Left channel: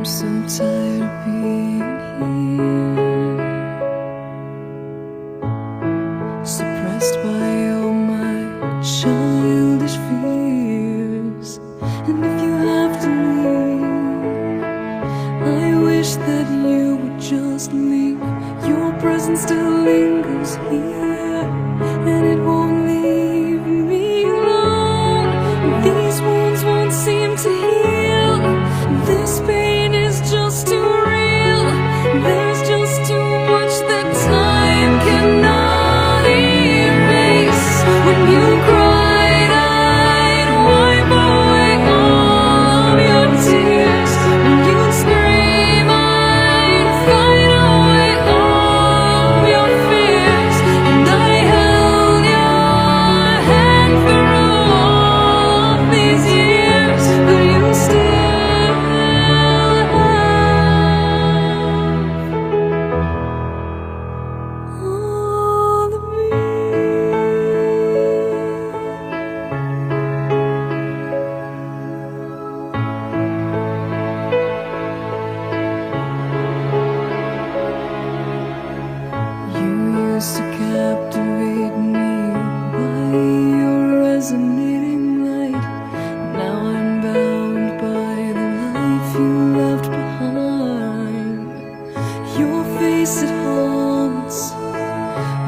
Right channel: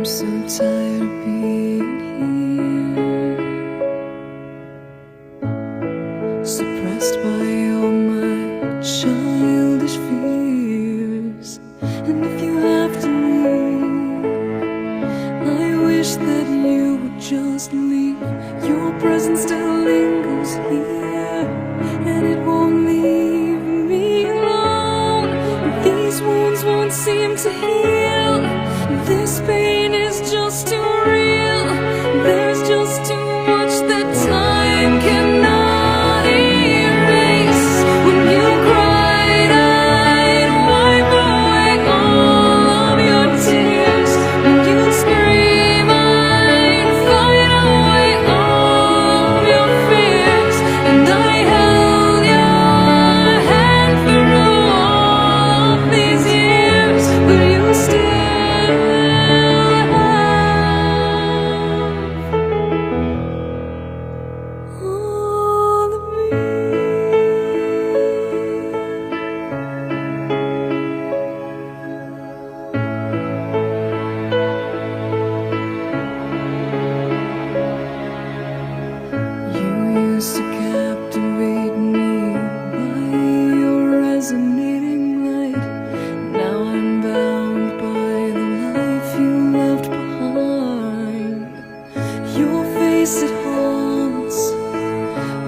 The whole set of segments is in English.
I'm so tired of being here, suppressed by all my childish fears. And if you have to leave, I wish that you would just leave. Your presence still lingers here, and it won't leave me alone. These wounds won't seem to heal. This pain is just too real. There's just too much that time cannot erase. When you cried, I'd wipe away all of your tears. When you'd scream, I'd fight away all of your fears. And I held your hand through all of these years, but you still all of me. You used to captivate me by your resonating light. Now I'm bound by the life you left behind. Your face, it haunts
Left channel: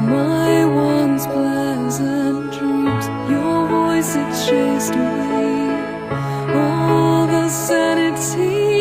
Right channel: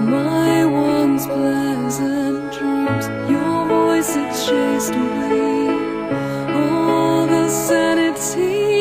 my once pleasant dreams. Your voice, it chased away all the sanity